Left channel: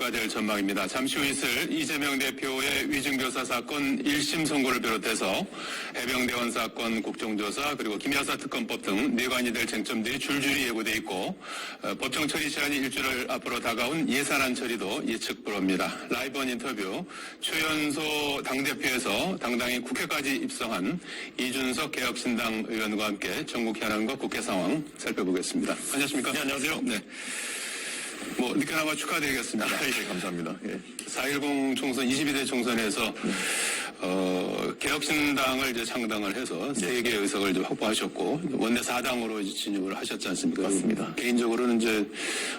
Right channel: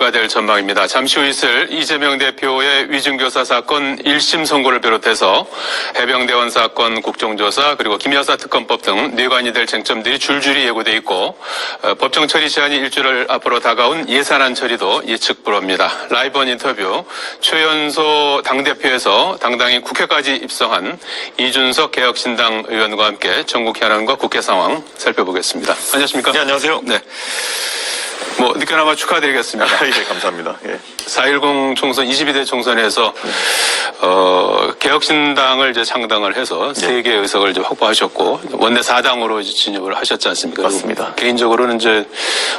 체크가 될 전망입니다. 잠시 후 있을 이재명 대표의 위증교사 사건 1심 선고를 비롯해서 해병대원 사건 국정조사 그리고 김여사 특검법 등 뇌관이 될 쟁점들이 줄줄이 예고돼 있고 법정 처리 시한이 일주일 앞으로 다가온 예산안 처리도 예측 불허입니다. 라이브 인터뷰 최연소 당대표에서 당당히 국회까지 입성한 이준석 개혁신당 의원과 함께 전국 현안과 국회 상황 살펴보겠습니다. 안녕하십니까? 네, 안녕하세요. 네. 늦게나마 축하드리겠습니다. 예, 감사합니다. 예. 4.10 총선, 22대 총선에서, 개혁신당을 이제 창당을 해서 3개의 의석을 이제 확보하셨고, 원내 4당으로 진입을 하셨지 않습니까? 맞습니다. 개인적으로는 이제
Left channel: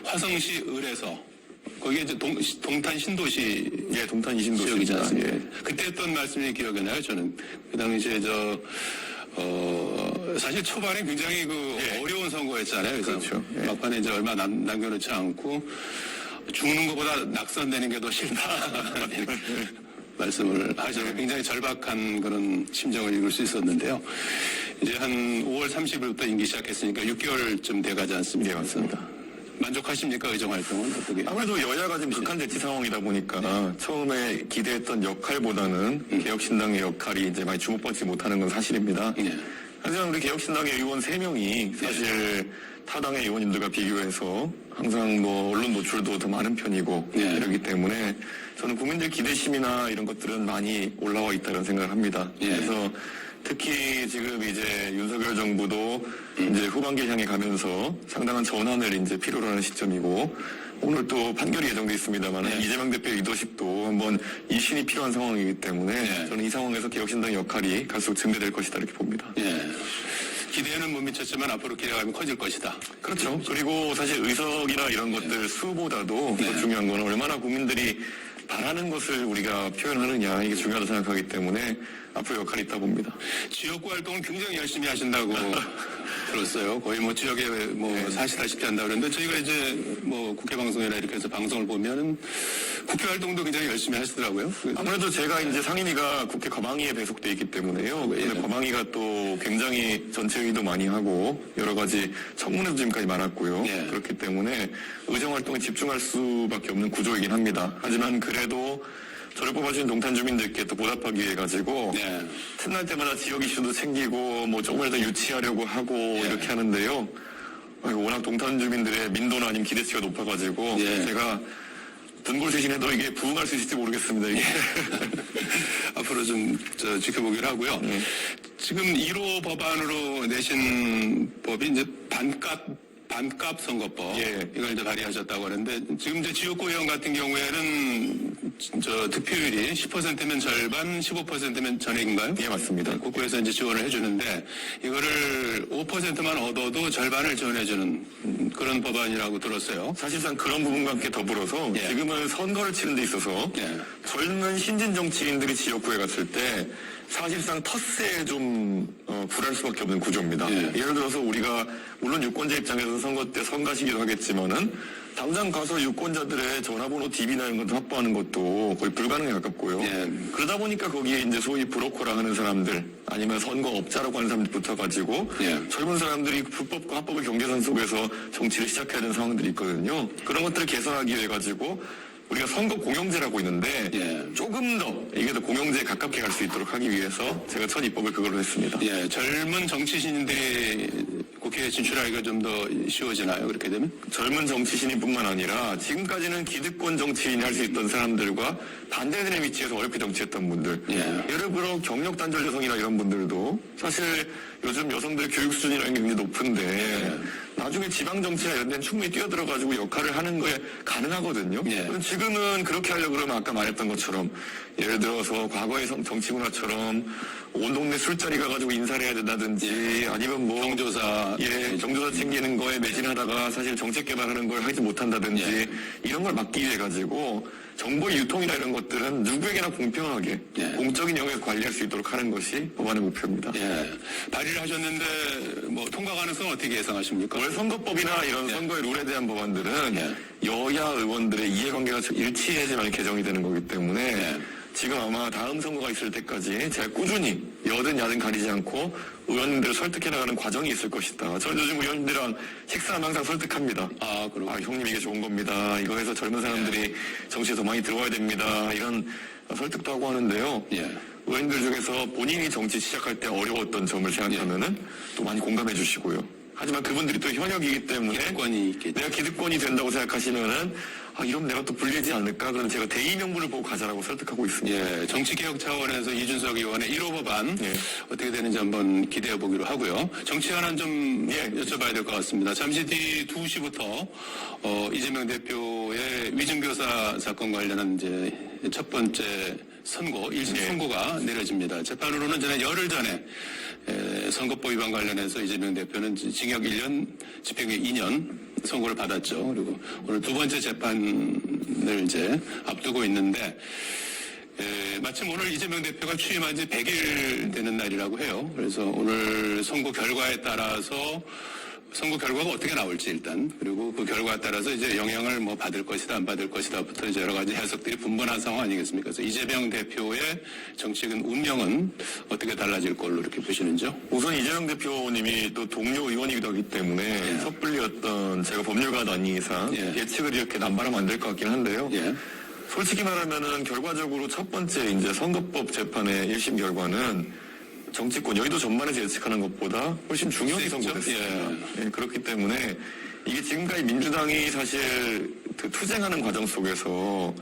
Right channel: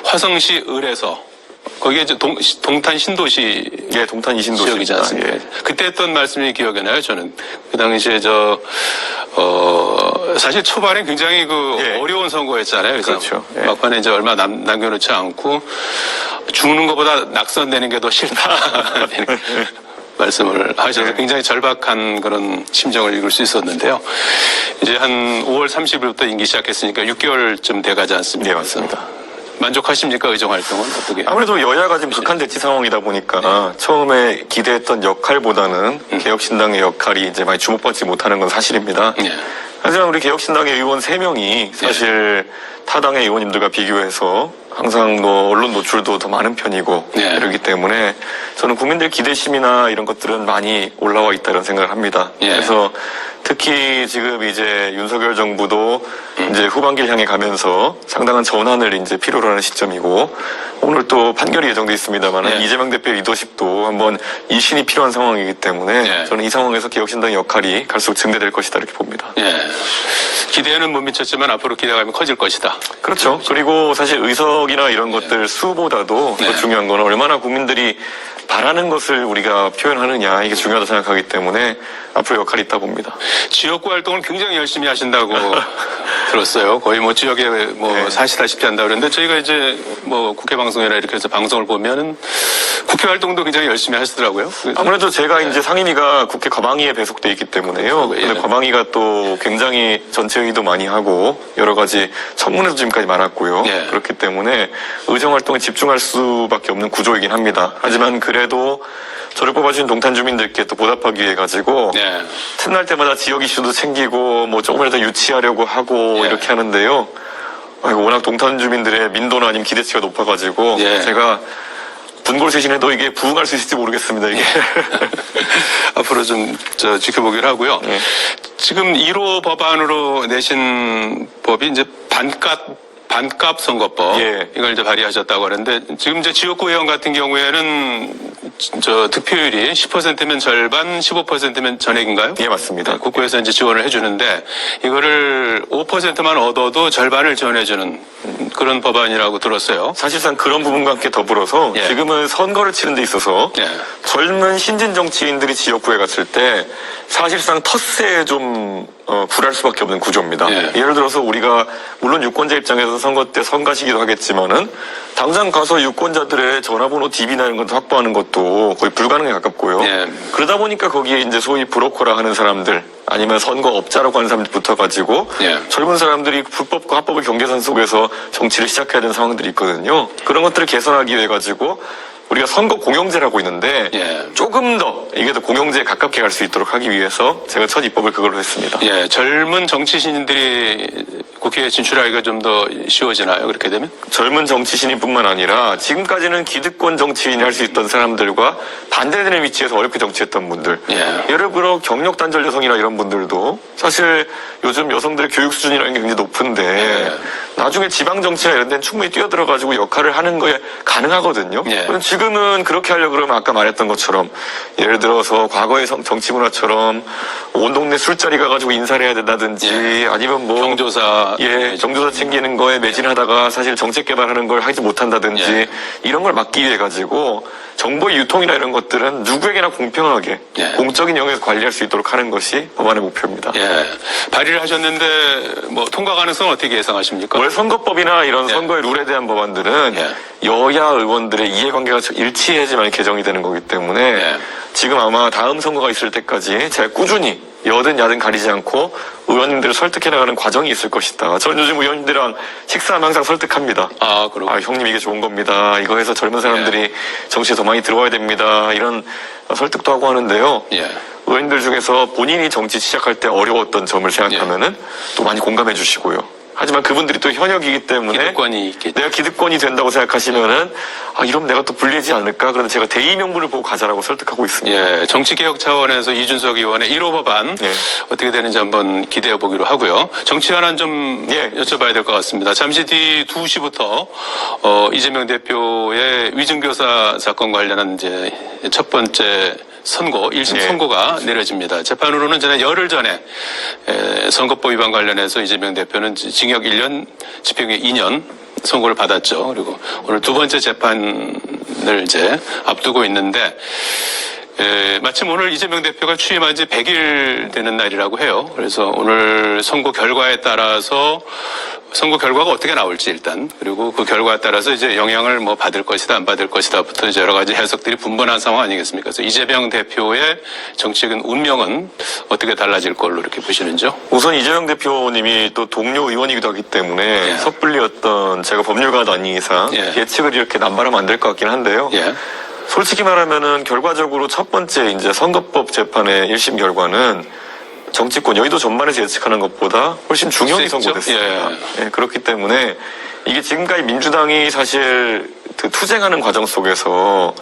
화성시 을에서, 거기에 이제 동탄 신도시. 예, 동탄 이신도시 지역이지 않습니까? 예. 그때 했던 말씀이 기억이 나요, 저는. 그 당시에 사실 초반에 굉장히 어려운 선거였잖아요. 그래서 그렇죠. 예. 막판에 이제 얼마 남겨놓지 않고 죽는 것보다 낙선되는 게 더 싫다. 말씀을 하셔서 굉장히 절박한 그런 심정을 읽을 수 있었는데요. 이제 한 5월 30일부터 임기 시작했으니까 6개월쯤 돼가지 않습니까? 네, 맞습니다. 만족하십니까? 의정 활동은 어떻게? 아무래도 여야가 지금 극한대치 상황이다 보니까 처음에 기대했던 역할보다는 개혁신당의 역할이 이제 많이 주목받지 못하는 건 사실입니다. 네. 하지만 우리 개혁신당의 의원 3명이 사실 타당의 의원님들과 비교해서 항상 언론 노출도 더 많은 편이고 그렇기 때문에 저는 국민들 기대심이나 이런 것들은 많이 올라와 있다는 생각을 합니다. 그래서 특히 지금 이제 윤석열 정부도 이제 후반기를 향해 가면서 상당한 전환을 이제 필요로 하는 시점이고 오늘 또 판결이 예정돼 있습니다만 이재명 대표의 리더십도 한번 이신이 필요한 상황이기 때문에 저는 이 상황에서 개혁신당의 역할이 갈수록 증대될 것이다 이렇게 봅니다. 기대는 못 미쳤지만 앞으로 기대감이 커질 것이다. 그렇죠. 그리고 사실 의석이나 이런 것들 수보다도 더 중요한 건 얼마나 국민들이 바라는 것을 우리가 표현하느냐 이게 중요하다고 생각하기 때문에 앞으로 역할이 있다 봅니다. 지역구 활동을 굉장히 열심히 하신다고 들었어요. 거의 지역에 사시다시피 한다 그랬는데 저희가 이제 국회 방송이나 이렇게 해서 방송을 보면은 국회 활동도 굉장히 열심히 하시더라고요. 아무래도 제가 이제 상임위가 국회 과방위에 배속돼 있기 때문에요. 근데 과방위가 또 굉장히 전체회의도 많이 하고 여러 가지 청문회도 지금까지 많았고요. 그렇기 때문에 의정 활동에 집중할 수밖에 없는 구조이긴 합니다. 하지만 그래도 저를 뽑아주신 동탄 주민들께 또 보답하기 위해 가지고 틈날 때마다 지역 이슈도 챙기고 조금이라도 유치하려고 하고 이렇게 하는데요. 워낙 동탄 주민들의 민도나 아니면 기대치가 높아가지고 제가 분골쇄신해도 이게 부응할 수 있을지 모르겠습니다. 이게 앞으로 좀 지켜보기로 하고요. 지금 1호 법안으로 내신 법이 이제 반값 선거법 이걸 이제 발의하셨다고 하는데 지금 이제 지역구 의원 같은 경우에는 득표율이 10%면 절반, 15%면 전액인가요? 예, 맞습니다. 국고에서 이제 지원을 해주는데 이거를 5%만 얻어도 절반을 지원해주는 그런 법안이라고 들었어요. 사실상 그런 부분과 함께 더불어서 지금은 선거를 치는 데 있어서 젊은 신진 정치인들이 지역구에 갔을 때 사실상 텃세에 좀 굴할 수밖에 없는 구조입니다. 예를 들어서 우리가 물론 유권자 입장에서 선거 때 선가시기도 하겠지만은 당장 가서 유권자들의 전화번호 DB나 이런 것도 확보하는 것도 거의 불가능에 가깝고요. 그러다 보니까 거기에 이제 소위 브로커라 하는 사람들 아니면 선거업자라고 하는 사람들 붙어가지고 젊은 사람들이 불법과 합법의 경계선 속에서 정치를 시작해야 되는 상황들이 있거든요. 그런 것들을 개선하기 위해 가지고 우리가 선거 공영제라고 있는데 조금 더 이게 더 공영제에 가깝게 갈 수 있도록 하기 위해서 제가 첫 입법을 그걸로 했습니다. 젊은 정치신들이 국회에 진출하기가 좀 더 쉬워지나요? 그렇게 되면? 젊은 정치신뿐만 아니라 지금까지는 기득권 정치인이 할 수 있던 사람들과 반대되는 위치에서 어렵게 정치했던 분들 예를 들어 경력 단절 여성이나 이런 분들도 사실 요즘 여성들의 교육 수준이라는 게 굉장히 높은데 나중에 지방 정치나 이런 데는 충분히 뛰어들어가지고 역할을 하는 거에 가능하거든요. 지금은 그렇게 하려고 그러면 아까 말했던 것처럼 예를 들어서 과거의 정치 문화처럼 온 동네 술자리 가가지고 인사를 해야 된다든지 아니면 경조사 경조사 챙기는 거에 매진하다가 사실 정책 개발하는 걸 하지 못한다든지 이런 걸 막기 위해 가지고 정보의 유통이나 이런 것들은 누구에게나 공평하게 공적인 영역에서 관리할 수 있도록 하는 것이 법안의 목표입니다. 발의를 하셨는데 통과 가능성은 어떻게 예상하십니까? 원래 선거법이나 이런 선거의 룰에 대한 법안들은 여야 의원들의 이해관계가 일치해야지만 개정이 되는 거기 때문에 지금 아마 다음 선거가 있을 때까지 제가 꾸준히 여든 야든 가리지 않고 의원님들을 설득해 나가는 과정이 있을 것이다. 저는 요즘 의원님들이랑 식사하면 항상 설득합니다. 그렇군요. 형님 이게 좋은 겁니다. 이거 해서 젊은 사람들이 정치에 더 많이 들어와야 됩니다. 이런 설득도 하고 하는데요. 의원님들 중에서 본인이 정치 시작할 때 어려웠던 점을 생각하면은 또 많이 공감해 주시고요. 하지만 그분들이 또 현역이기 때문에 기득권이 있겠죠. 내가 기득권이 된다고 생각하시면은 이러면 내가 또 불리하지 않을까? 그런데 제가 대의 명분을 보고 가자라고 설득하고 있습니다. 정치개혁 차원에서 이준석 의원의 1호 법안 어떻게 되는지 한번 기대해 보기로 하고요. 정치 하나 좀 여쭤봐야 될 것 같습니다. 잠시 뒤 2시부터 이재명 대표의 위증교사 사건 관련한 이제 첫 번째 선고, 1심 선고가 내려집니다. 재판으로는 지난 열흘 전에 선거법 위반 관련해서 이재명 대표는 징역 1년, 집행유예 2년 선고를 받았죠. 그리고 오늘 두 번째 재판을 이제 앞두고 있는데 마침 오늘 이재명 대표가 취임한 지 100일 되는 날이라고 해요. 그래서 오늘 선고 결과에 따라서 선거 결과가 어떻게 나올지 일단, 그리고 그 결과에 따라서 이제 영향을 뭐 받을 것이다 안 받을 것이다부터 이제 여러 가지 해석들이 분분한 상황 아니겠습니까? 그래서 이재명 대표의 정치적인 운명은 어떻게 달라질 걸로 이렇게 보시는지요? 우선 이재명 대표님이 또 동료 의원이기도 하기 때문에 섣불리 제가 법률가도 아닌 이상 예측을 이렇게 남발하면 안 될 것 같긴 한데요. 솔직히 말하면은 결과적으로 첫 번째 이제 선거법 재판의 1심 결과는 정치권 여의도 전반에서 예측하는 것보다 훨씬 중형이 선고됐습니다. 그렇기 때문에 이게 지금까지 민주당이 사실 그 투쟁하는 과정 속에서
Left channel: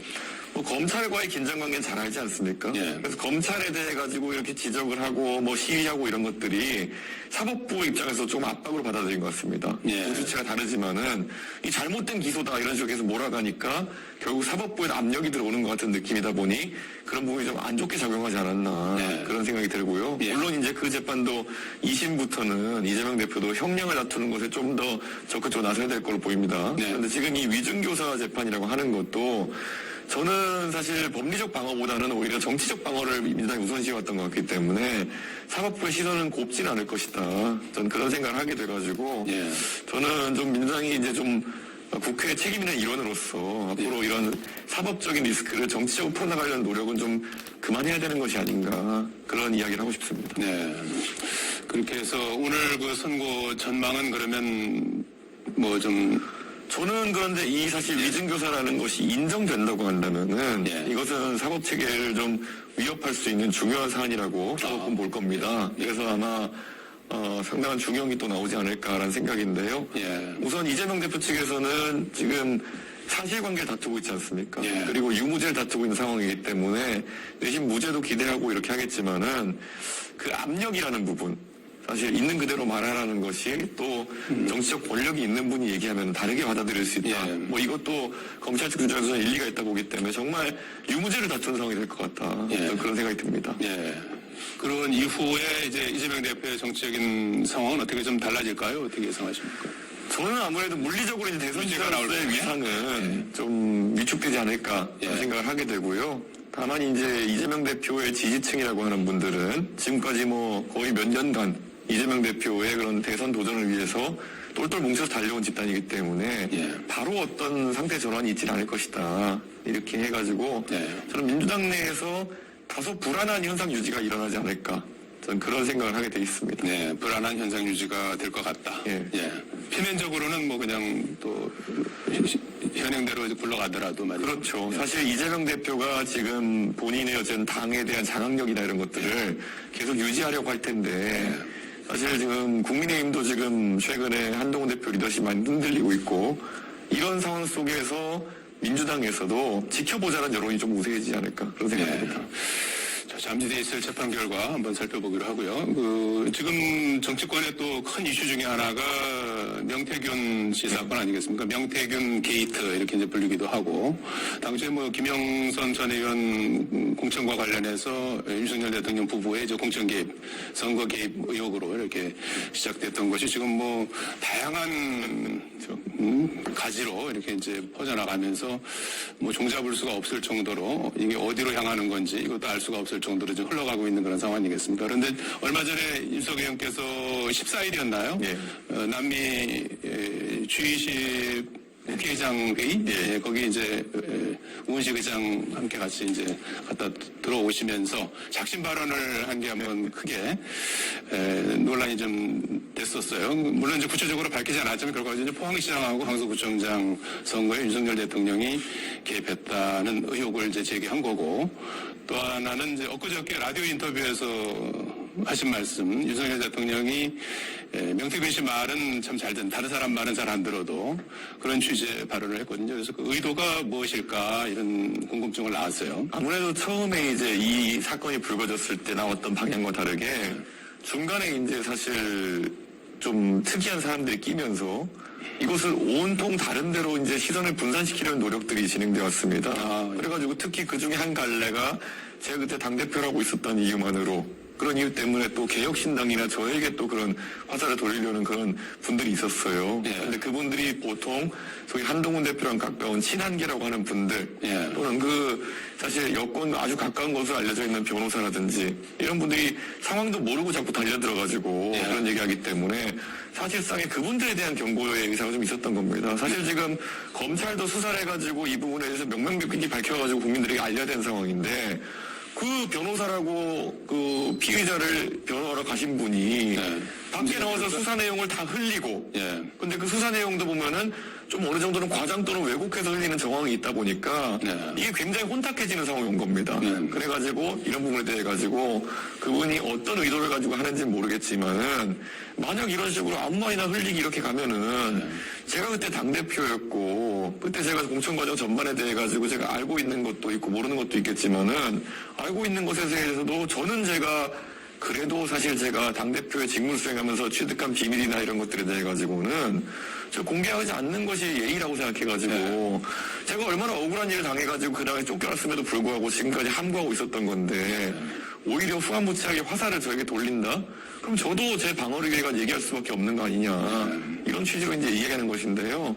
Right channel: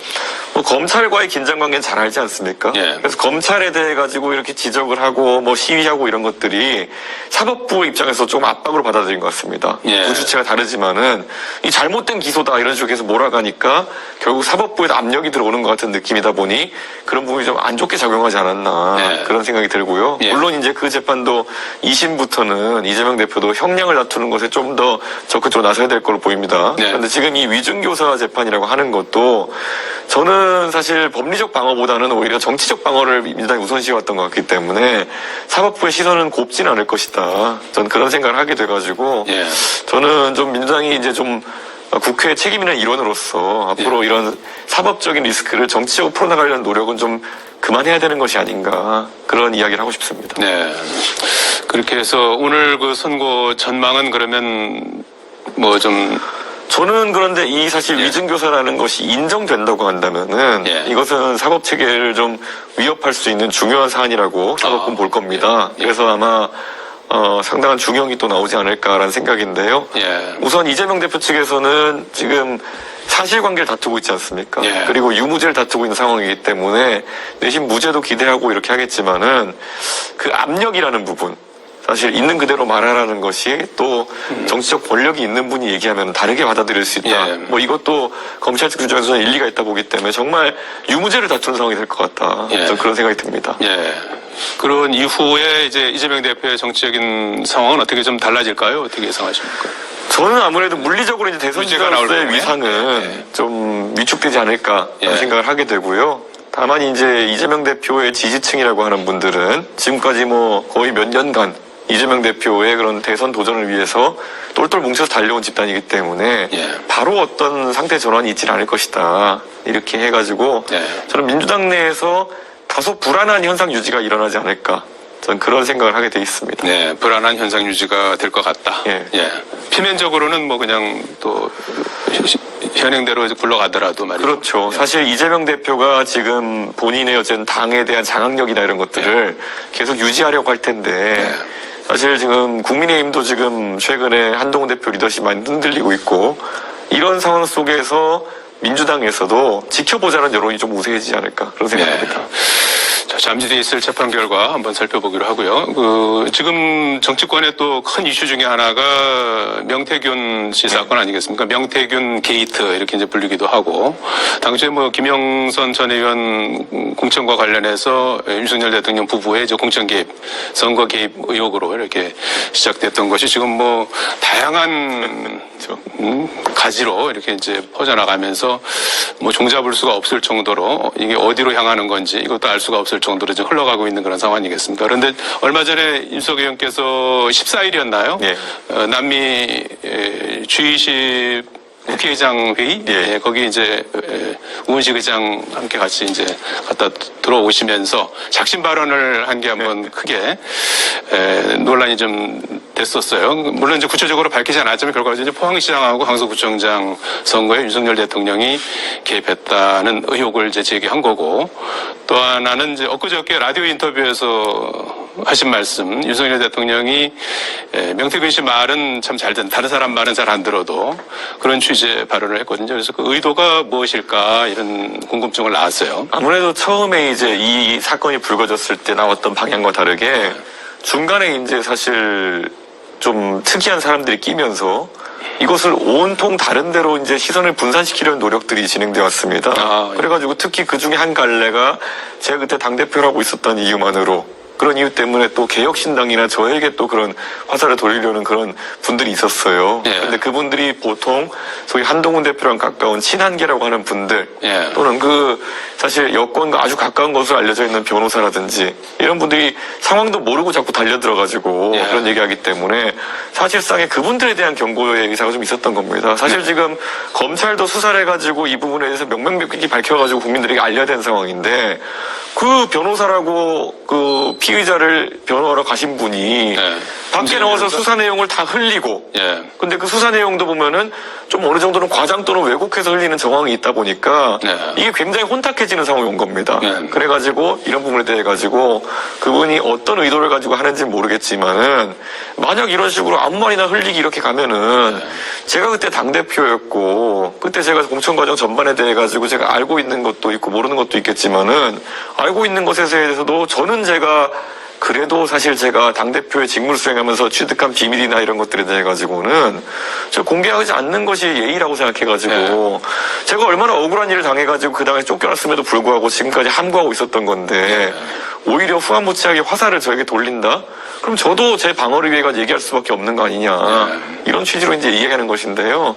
뭐 검찰과의 긴장관계는 잘 알지 않습니까? 그래서 검찰에 대해 가지고 이렇게 지적을 하고 뭐 시위하고 이런 것들이 사법부 입장에서 좀 압박으로 받아들인 것 같습니다. 두 주체가 다르지만은 이 잘못된 기소다 이런 식으로 해서 몰아가니까 결국 사법부에 압력이 들어오는 것 같은 느낌이다 보니 그런 부분이 좀 안 좋게 작용하지 않았나 그런 생각이 들고요. 물론 이제 그 재판도 2심부터는 이재명 대표도 형량을 다투는 것에 좀 더 적극적으로 나서야 될 걸로 보입니다. 그런데 지금 이 위증교사 재판이라고 하는 것도 저는 사실 법리적 방어보다는 오히려 정치적 방어를 민주당이 우선시해왔던 것 같기 때문에 사법부의 시선은 곱지는 않을 것이다. 저는 그런 생각을 하게 돼가지고 저는 좀 민주당이 이제 좀 국회 책임 있는 일원으로서 앞으로 이런 사법적인 리스크를 정치적으로 풀어나가려는 노력은 좀 그만해야 되는 것이 아닌가 그런 이야기를 하고 싶습니다. 그렇게 해서 오늘 그 선고 전망은 그러면 저는 그런데 이 사실 위증교사라는 것이 인정된다고 한다면은 이것은 사법 체계를 좀 위협할 수 있는 중요한 사안이라고 사법부는 볼 겁니다. 그래서 아마 상당한 중형이 또 나오지 않을까라는 생각인데요. 우선 이재명 대표 측에서는 지금 사실관계를 다투고 있지 않습니까? 그리고 유무죄를 다투고 있는 상황이기 때문에 내심 무죄도 기대하고 이렇게 하겠지만은 그 압력이라는 부분 사실 있는 그대로 말하라는 것이 또 정치적 권력이 있는 분이 얘기하면 다르게 받아들일 수 있다. 뭐 이것도 검찰 측 주장에서는 일리가 있다 보기 때문에 정말 유무죄를 다투는 상황이 될 것 같다. 저는 그런 생각이 듭니다. 그런 이후에 이제 이재명 대표의 정치적인 상황은 어떻게 좀 달라질까요? 어떻게 예상하십니까? 저는 아무래도 물리적으로 이제 대선 주자로서의 위상은 좀 위축되지 않을까 생각을 하게 되고요. 다만 이제 이재명 대표의 지지층이라고 하는 분들은 지금까지 뭐 거의 몇 년간 이재명 대표의 그런 대선 도전을 위해서 똘똘 뭉쳐서 달려온 집단이기 때문에 바로 어떤 상태 전환이 있지는 않을 것이다. 이렇게 해가지고 저는 민주당 내에서 다소 불안한 현상 유지가 일어나지 않을까. 저는 그런 생각을 하게 돼 있습니다. 불안한 현상 유지가 될 것 같다. 표면적으로는 뭐 그냥 또 현행대로 굴러가더라도 말이죠. 그렇죠. 사실 이재명 대표가 지금 본인의 어쨌든 당에 대한 장악력이나 이런 것들을 계속 유지하려고 할 텐데 사실 지금 국민의힘도 지금 최근에 한동훈 대표 리더십 많이 흔들리고 있고 이런 상황 속에서 민주당에서도 지켜보자는 여론이 좀 우세해지지 않을까 그런 생각입니다. 자, 잠시 뒤에 있을 재판 결과 한번 살펴보기로 하고요. 지금 정치권의 또 큰 이슈 중에 하나가 명태균 씨 사건 아니겠습니까? 명태균 게이트 이렇게 이제 불리기도 하고 당시에 뭐 김영선 전 의원 공천과 관련해서 윤석열 대통령 부부의 이제 공천 개입, 선거 개입 의혹으로 이렇게 시작됐던 것이 지금 뭐 다양한 가지로 이렇게 이제 퍼져나가면서 뭐 종잡을 수가 없을 정도로 이게 어디로 향하는 건지 이것도 알 수가 없을 정도로 지금 흘러가고 있는 그런 상황 아니겠습니까? 그런데 얼마 전에 윤석 의원께서 14일이었나요? 남미 G20 국회의장 회의, 예. 거기 이제 우은식 의장 함께 같이 이제 갔다 들어오시면서 작심 발언을 한 게 한번 크게 논란이 좀 됐었어요. 물론 이제 구체적으로 밝히지 않았지만 결과적으로 이제 포항시장하고 강서구청장 선거에 윤석열 대통령이 개입했다는 의혹을 이제 제기한 거고, 또 하나는 이제 엊그저께 라디오 인터뷰에서 하신 말씀, 윤석열 대통령이 명태균 씨 말은 참 잘 듣는, 다른 사람 말은 잘 안 들어도 그런 취지의 발언을 했거든요. 그래서 그 의도가 무엇일까 이런 궁금증을 낳았어요. 아무래도 처음에 이제 이 사건이 불거졌을 때 나왔던 방향과 다르게 중간에 이제 사실 좀 특이한 사람들이 끼면서 이것을 온통 다른 데로 이제 시선을 분산시키려는 노력들이 진행되어 왔습니다. 그래가지고 특히 그 중에 한 갈래가 제가 그때 당대표를 하고 있었던 이유만으로, 그런 이유 때문에 또 개혁신당이나 저에게 또 그런 화살을 돌리려는 그런 분들이 있었어요. 예. 근데 그분들이 보통 소위 한동훈 대표랑 가까운 친한계라고 하는 분들, 예. 또는 그 사실 여권과 아주 가까운 것으로 알려져 있는 변호사라든지 이런 분들이 상황도 모르고 자꾸 달려들어가지고 예. 그런 얘기하기 때문에 사실상의 그분들에 대한 경고의 의사가 좀 있었던 겁니다. 사실 지금 검찰도 수사를 해가지고 이 부분에 대해서 명명백백히 밝혀가지고 국민들에게 알려야 되는 상황인데, 그 변호사라고 그 피의자를 변호하러 가신 분이 밖에 나와서 수사 내용을 다 흘리고, 근데 그 수사 내용도 보면은 좀 어느 정도는 과장 또는 왜곡해서 흘리는 정황이 있다 보니까 이게 굉장히 혼탁해지는 상황이 온 겁니다. 그래가지고 이런 부분에 대해 가지고 그분이 어떤 의도를 가지고 하는지는 모르겠지만은, 만약 이런 식으로 아무 말이나 흘리기 이렇게 가면은 제가 그때 당대표였고, 그때 제가 공천 과정 전반에 대해 가지고 제가 알고 있는 것도 있고 모르는 것도 있겠지만은, 알고 있는 것에 대해서도 저는 제가 그래도 사실 제가 당대표의 직무를 수행하면서 취득한 비밀이나 이런 것들에 대해 가지고는 저 공개하지 않는 것이 예의라고 생각해가지고 제가 얼마나 억울한 일을 당해가지고 그 당에 쫓겨났음에도 불구하고 지금까지 함구하고 있었던 건데, 오히려 후한무치하게 화살을 저에게 돌린다? 그럼 저도 제 방어를 위해 얘기할 수밖에 없는 거 아니냐, 이런 취지로 이제 이야기하는 것인데요.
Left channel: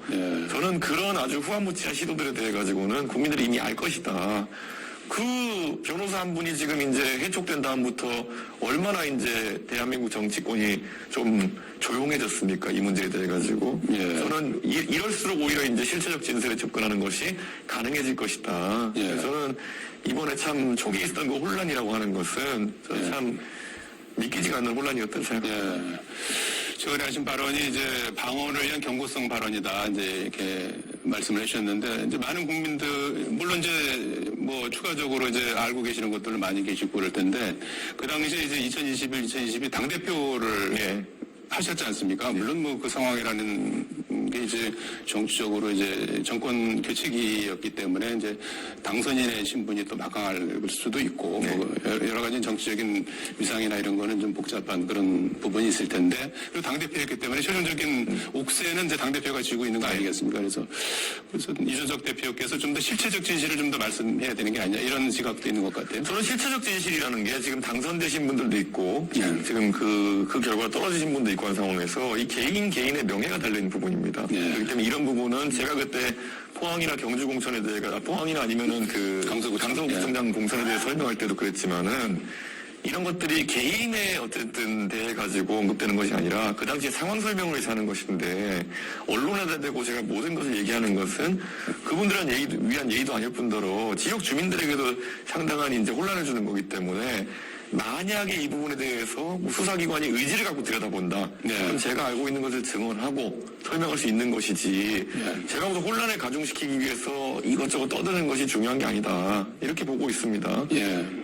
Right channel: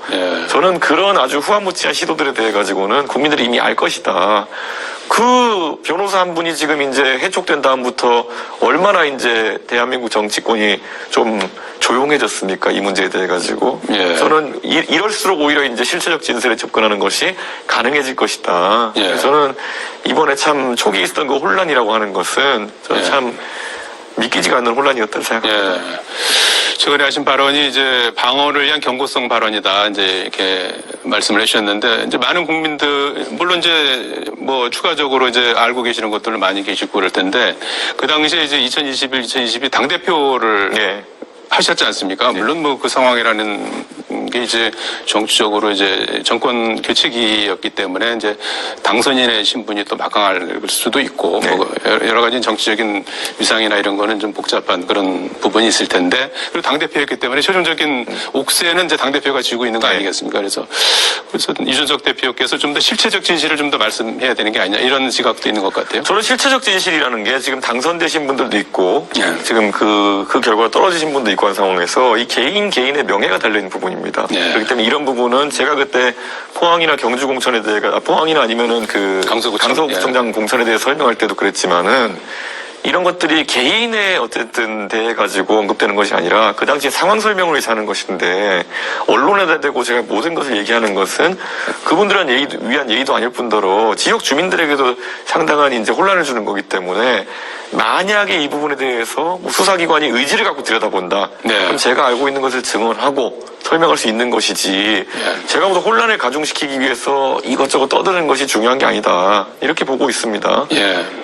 저는 그런 아주 후한무치한 시도들에 대해 가지고는 국민들이 이미 알 것이다. 그 변호사 한 분이 지금 이제 해촉된 다음부터 얼마나 이제 대한민국 정치권이 좀 조용해졌습니까? 이 문제에 대해 가지고. 저는 이럴수록 오히려 이제 실체적 진술에 접근하는 것이 가능해질 것이다. 저는 이번에 참 초기에 있었던 그 혼란이라고 하는 것은 저는 참 믿기지가 않는 혼란이었다고 생각합니다. 최근에 하신 발언이 이제 방어를 위한 경고성 발언이다, 이제 이렇게 말씀을 해주셨는데, 이제 많은 국민들, 물론 이제 뭐 추가적으로 이제 알고 계시는 것들을 많이 계시고 그럴 텐데, 그 당시에 이제 2022 당대표를 하셨지 않습니까? 물론 뭐 그 상황이라는 게 이제 정치적으로 이제 정권 교체기였기 때문에 이제 당선인의 신분이 또 막강할 수도 있고 뭐 여러 가지 정치적인 위상이나 이런 거는 좀 복잡한 그런 부분이 있을 텐데, 그리고 당대표였기 때문에 최종적인 옥세는 이제 당대표가 쥐고 있는 거 아니겠습니까? 그래서 이준석 대표께서 좀 더 실체적 진실을 좀 더 말씀해야 되는 게 아니냐, 이런 지각도 있는 것 같아요. 저는 실체적 진실이라는 게 지금 당선되신 분들도 있고 지금 그 결과가 떨어지신 분도 있고 한 상황에서 이 개인의 명예가 달려있는 부분입니다. 그렇기 때문에 이런 부분은 제가 그때 포항이나 경주 공천에 대해, 포항이나 아니면은 그 강서구청장 공천에 대해 설명할 때도 그랬지만은, 이런 것들이 개인의 어쨌든 대해 가지고 언급되는 것이 아니라 그 당시 상황 설명을 위해서 하는 것인데, 언론에다 대고 제가 모든 것을 얘기하는 것은 그분들은 위한 예의도 아닐 뿐더러 지역 주민들에게도 상당한 이제 혼란을 주는 거기 때문에, 만약에 이 부분에 대해서 수사기관이 의지를 갖고 들여다본다, 그럼 제가 알고 있는 것을 증언하고 설명할 수 있는 것이지, 제가 모두 혼란을 가중시키기 위해서 이것저것 떠드는 것이 중요한 게 아니다, 이렇게 보고 있습니다.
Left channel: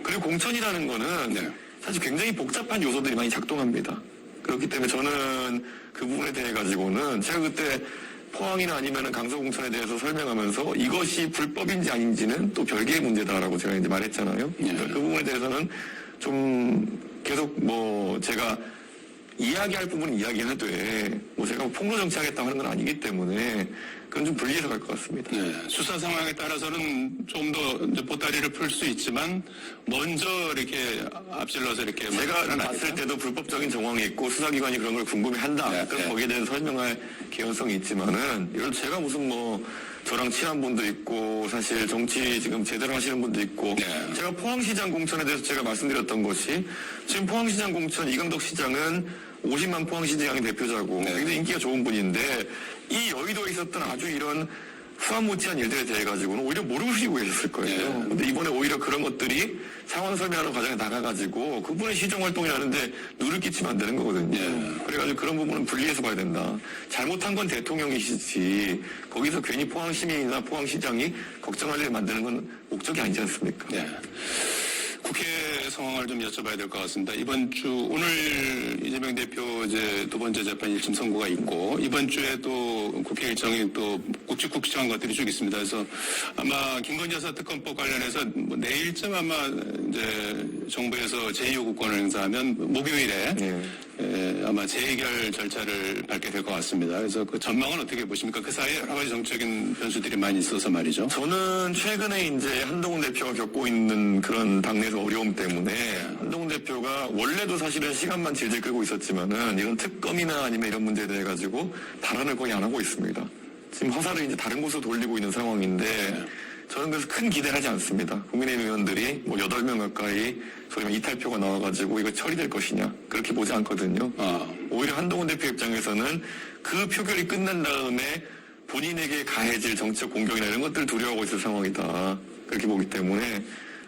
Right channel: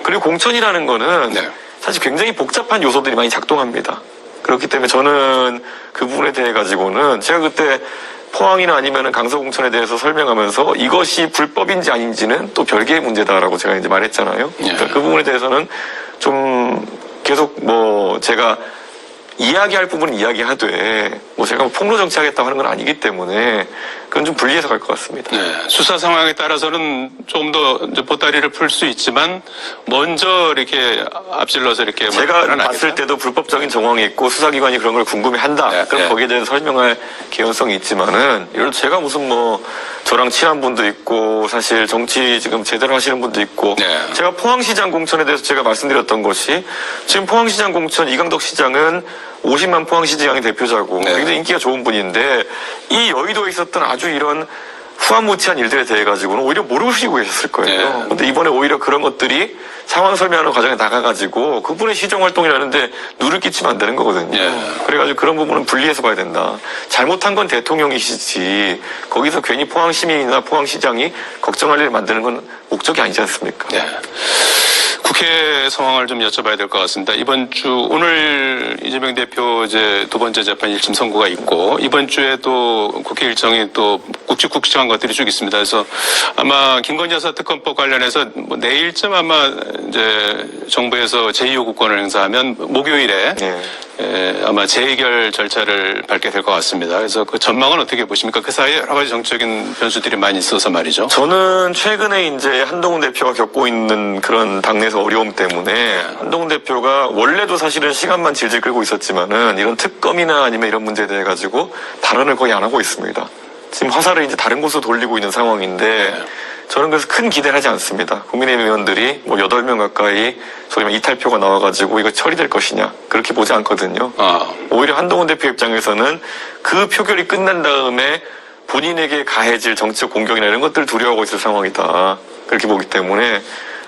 그리고 공천이라는 거는 사실 굉장히 복잡한 요소들이 많이 작동합니다. 그렇기 때문에 저는 그 부분에 대해 가지고는 제가 그때 포항이나 아니면은 강서공천에 대해서 설명하면서 이것이 불법인지 아닌지는 또 별개의 문제다라고 제가 이제 말했잖아요. 그러니까 그 부분에 대해서는 좀 계속 뭐 제가 이야기할 부분은 이야기하되, 뭐 제가 폭로 정치하겠다고 하는 건 아니기 때문에 그건 좀 분리해서 갈 것 같습니다. 수사 상황에 따라서는 좀 더 보따리를 풀 수 있지만 먼저 이렇게 앞질러서 이렇게 제가 봤을 때도 불법적인 정황이 있고 수사기관이 그런 걸 궁금해한다. 그럼 거기에 대해서 설명할 개연성이 있지만은, 예를 들어 제가 무슨 뭐 저랑 친한 분도 있고 사실 정치 지금 제대로 하시는 분도 있고 제가 포항시장 공천에 대해서 제가 말씀드렸던 것이 지금 포항시장 공천 이강덕 시장은 50만 포항시장의 대표자고 굉장히 인기가 좋은 분인데 이 여의도에 있었던 아주 이런 후한무치한 일들에 대해 가지고는 오히려 모르시고 계셨을 거예요. 근데 이번에 오히려 그런 것들이 상황 설명하는 과정에 나가가지고 그분의 시정 활동이라는데 누를 끼치면 안 되는 거거든요. 그래가지고 그런 부분은 분리해서 봐야 된다. 잘못한 건 대통령이시지 거기서 괜히 포항 시민이나 포항시장이 걱정할 일 만드는 건 목적이 아니지 않습니까? 국회 상황을 좀 여쭤봐야 될 것 같습니다. 이번 주 오늘 이재명 대표 이제 두 번째 재판 1심 선고가 있고 이번 주에 또 국회 일정이 또 굵직굵직한 것들이 쭉 있습니다. 그래서 아마 김건희 여사 특검법 관련해서 뭐 내일쯤 아마 이제 정부에서 제2요구권을 행사하면 목요일에 아마 재의결 절차를 밟게 될 것 같습니다. 그래서 그 전망은 어떻게 보십니까? 그 사이에 여러 가지 정치적인 변수들이 많이 있어서 말이죠. 저는 최근에 이제 한동훈 대표가 겪고 있는 그런 당내에서 어려움 때문에 한동훈 대표가 원래도 사실은 시간만 질질 끌고 있었지만은 이런 특검이나 아니면 이런 문제에 대해 가지고 발언을 거의 안 하고 있습니다. 지금 화살을 이제 다른 곳으로 돌리고 있는 상황인데 저는 그래서 큰 기대를 하지 않습니다. 국민의힘 의원들이 뭐 8명 가까이 소위 말해 이탈표가 나와가지고 이거 처리될 것이냐 그렇게 보지 않거든요. 오히려 한동훈 대표 입장에서는 그 표결이 끝난 다음에 본인에게 가해질 정치적 공격이나 이런 것들을 두려워하고 있을 상황이다. 그렇게 보기 때문에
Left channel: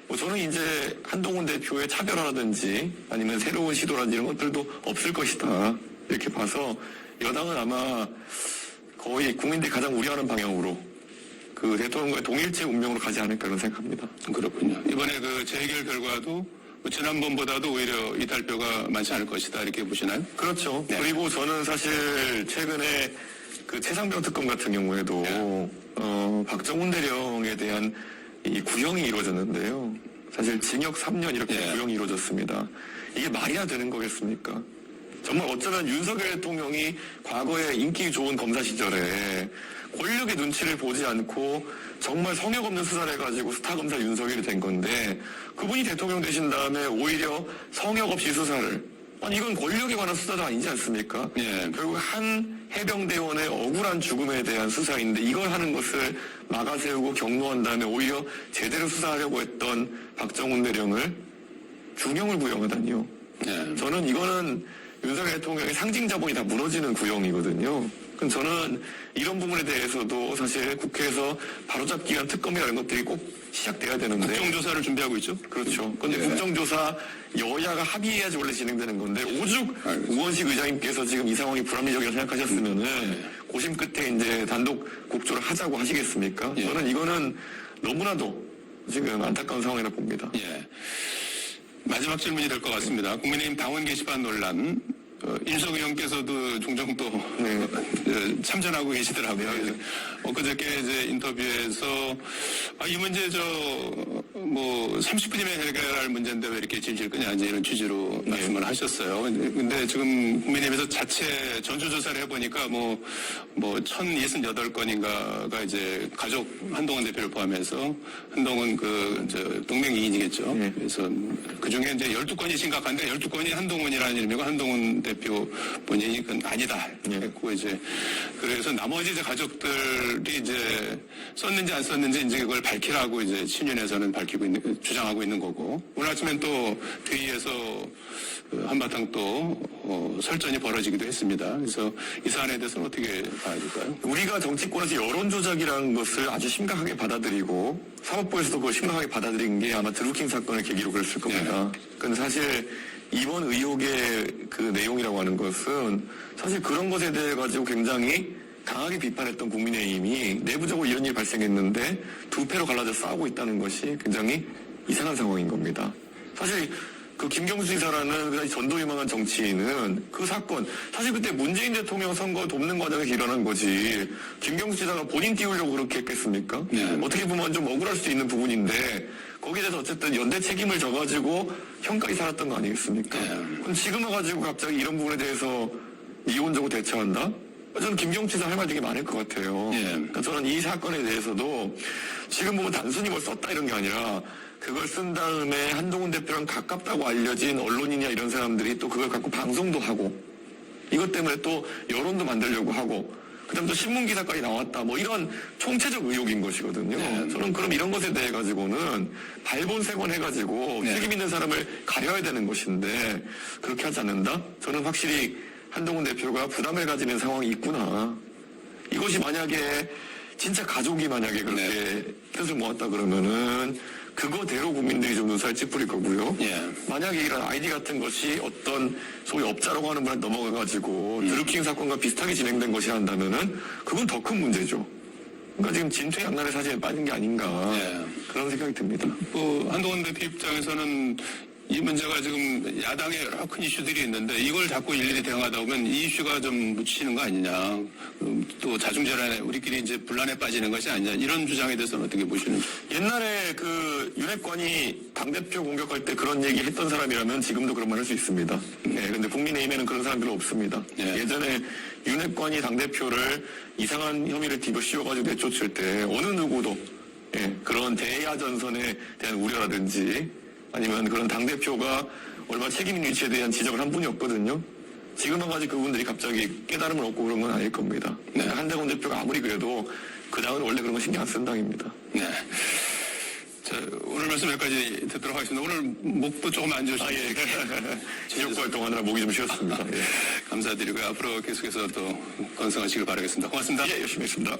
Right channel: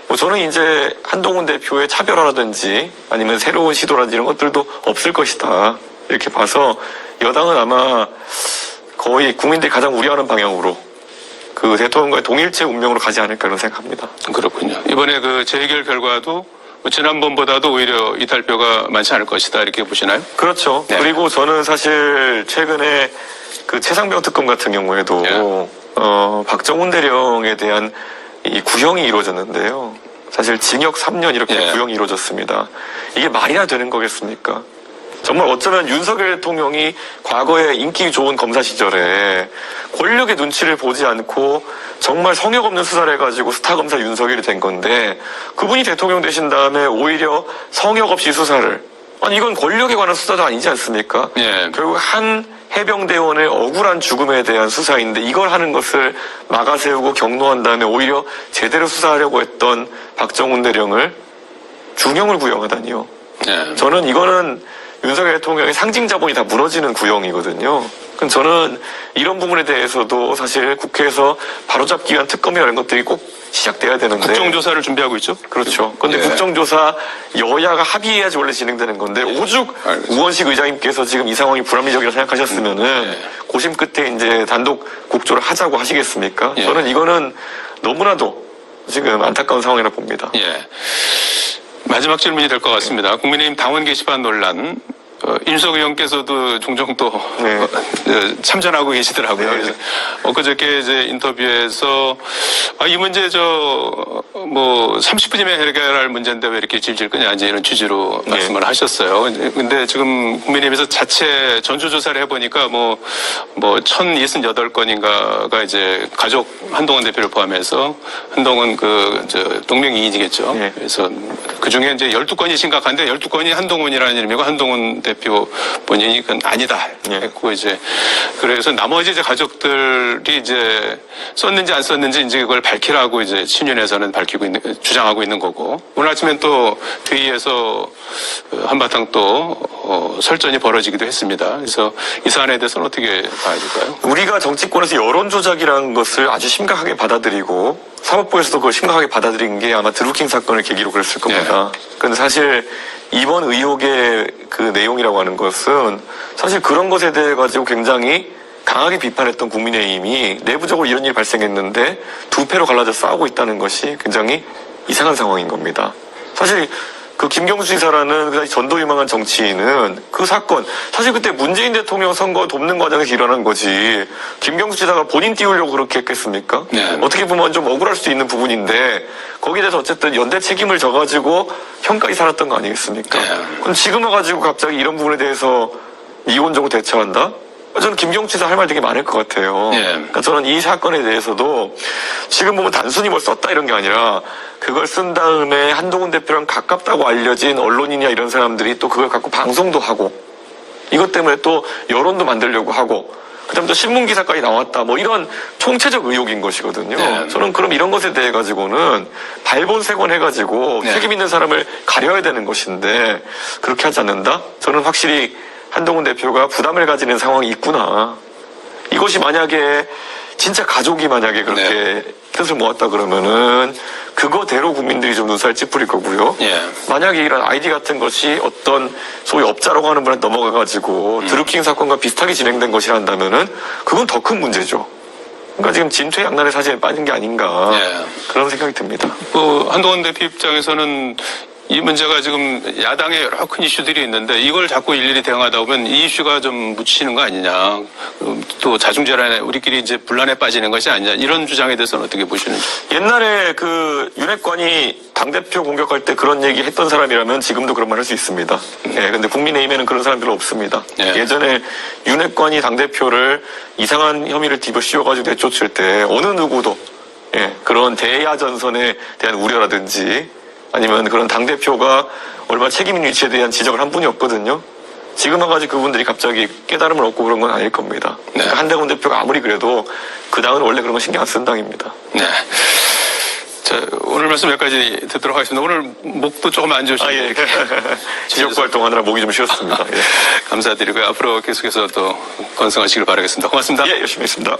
뭐 저는 이제 한동훈 대표의 차별화라든지 아니면 새로운 시도라든지 이런 것들도 없을 것이다. 이렇게 봐서 여당은 아마 거의 국민들이 가장 우려하는 방향으로 그 대통령과의 동일체 운명으로 가지 않을까 이런 생각합니다. 그렇군요. 이번에 그 재의결 결과도 지난번보다도 오히려 이탈표가 많지 않을 것이다 이렇게 보시나요? 그렇죠. 그리고 저는 사실 최근에 그 최상병 특검 같은 경우에도 박정훈 대령에 대한 이 구형이 이루어졌는데요. 사실 징역 3년 이렇게 구형이 이루어졌습니다. 이게 말이나 되는 거겠습니까? 정말 어쩌면 윤석열 대통령이 과거에 인기 좋은 검사 시절에 권력의 눈치를 보지 않고 정말 성역 없는 수사를 해가지고 스타 검사 윤석열이 된 건데 그분이 대통령 되신 다음에 오히려 성역 없이 수사를 아니 이건 권력에 관한 수사도 아니지 않습니까? 결국 한 해병대원의 억울한 죽음에 대한 수사인데 이걸 하는 것을 막아세우고 경노한 다음에 오히려 제대로 수사하려고 했던 박정훈 대령을 중형을 구형하다니요. 저는 이거는 윤석열 대통령의 상징 자본이 다 무너지는 구형이거든요. 그럼 저는 이런 부분에 대해서도 사실 국회에서 바로잡기 위한 특검이나 이런 것들이 꼭 시작돼야 되는데 국정조사를 준비하고 있죠? 그렇죠. 그런데 국정조사 여야가 합의해야지 원래 진행되는 건데 오죽 우원식 의장님께서 지금 이 상황이 불합리적이라고 생각하셨으면은 고심 끝에 이제 단독 국조를 하자고 하시겠습니까? 저는 이거는 너무나도 지금 안타까운 상황이라 봅니다. 마지막 질문이 될 것 같습니다. 국민의힘 당원 게시판 논란. 윤석 의원께서도 종종 또 참전하고 계시더라고요. 엊그저께 이제 인터뷰에서 이 문제 뭐 30분이면 해결할 문제인데 왜 이렇게 질질 끄냐 이제 이런 취지로 말씀을 하셨어요. 근데 지금 국민의힘에서 자체 전수조사를 해보니까 뭐 1068건인가가 이제 가족 한동훈 대표를 포함해서 한동훈 동명이인이겠죠. 그래서 그 중에 이제 12건이 심각한데 12건이 한동훈이라는 이름이고 한동훈 대표 본인이 그건 아니다 했고 이제 그래서 나머지 이제 가족들이 이제 썼는지 안 썼는지 이제 그걸 밝히라고 이제 친윤에서는 주장하고 있는 거고 오늘 아침엔 또 회의에서 한바탕 또 설전이 벌어지기도 했습니다. 그래서 이 사안에 대해서는 어떻게 봐야 될까요? 우리가 정치권에서 여론 조작이라는 것을 아주 심각하게 받아들이고 사법부에서도 그걸 심각하게 받아들인 게 아마 드루킹 사건을 계기로 그랬을 겁니다. 그런데 사실 이번 의혹의 그 내용이라고 하는 것은 사실 그런 것에 대해 가지고 굉장히 강하게 비판했던 국민의힘이 내부적으로 이런 일이 발생했는데 두 패로 갈라져 싸우고 있다는 것이 굉장히 이상한 상황인 겁니다. 사실 그 김경수 지사라는 전도유망한 정치인은 그 사건 사실 그때 문재인 대통령 선거 돕는 과정에서 일어난 거지 김경수 지사가 본인 띄우려고 그렇게 했겠습니까? 어떻게 보면 좀 억울할 수 있는 부분인데 거기에 대해서 어쨌든 연대 책임을 져가지고 형까지 살았던 거 아니겠습니까? 그럼 지금 와가지고 갑자기 이런 부분에 대해서 이원적으로 대처한다? 저는 김경수 지사 할 말 되게 많을 것 같아요. 그러니까 저는 이 사건에 대해서도 지금 보면 단순히 뭘 썼다 이런 게 아니라 그걸 쓴 다음에 한동훈 대표랑 가깝다고 알려진 언론인이나 이런 사람들이 또 그걸 갖고 방송도 하고 이것 때문에 또 여론도 만들려고 하고 그다음에 또 신문 기사까지 나왔다. 뭐 이런 총체적 의혹인 것이거든요. 네. 저는 그럼 이런 것에 대해 가지고는 발본색원 해가지고 네. 책임 있는 사람을 가려야 되는 것인데 그렇게 하지 않는다? 저는 확실히 한동훈 대표가 부담을 가지는 상황이 있구나. 이것이 만약에 진짜 가족이 만약에 그렇게 네. 뜻을 모았다 그러면은 그거대로 국민들이 좀 눈살 찌푸릴 거고요. 예. 만약에 이런 아이디 같은 것이 어떤 소위 업자라고 하는 분한테 넘어가가지고 드루킹 사건과 비슷하게 진행된 것이란다면은 그건 더 큰 문제죠. 그러니까 지금 진퇴양난의 사진에 빠진 게 아닌가 예. 그런 생각이 듭니다. 한동훈 대표 입장에서는 이 문제가 지금 야당에 여러 큰 이슈들이 있는데 이걸 자꾸 일일이 대응하다 보면 이 이슈가 좀 묻히는 거 아니냐. 또 자중질환에 우리끼리 이제 분란에 빠지는 것이 아니냐. 이런 주장에 대해서는 어떻게 보시는지. 옛날에 그 윤핵관이 당대표 공격할 때 그런 얘기 했던 사람이라면 지금도 그런 말 할 수 있습니다. 예, 근데 국민의힘에는 그런 사람들 없습니다. 예. 예전에 윤핵관이 당대표를 이상한 혐의를 뒤집어 씌워가지고 내쫓을 때 어느 누구도 예, 그런 대야 전선에 대한 우려라든지 아니면 그런 당대표가 얼마나 책임 있는 위치에 대한 지적을 한 분이 없거든요. 지금 와가지고 그분들이 갑자기 깨달음을 얻고 그런 건 아닐 겁니다. 네. 그러니까 한동훈 대표가 아무리 그래도 그 당은 원래 그런 거 신경 안 쓴 당입니다. 네. 자, 오늘 말씀 여기까지 듣도록 하겠습니다. 오늘 목도 조금 안 좋으신데. 예. 지역 활동하느라 목이 좀 쉬었습니다. 예. 감사드리고요. 앞으로 계속해서 또 건승하시길 바라겠습니다. 고맙습니다. 예, 열심히 했습니다.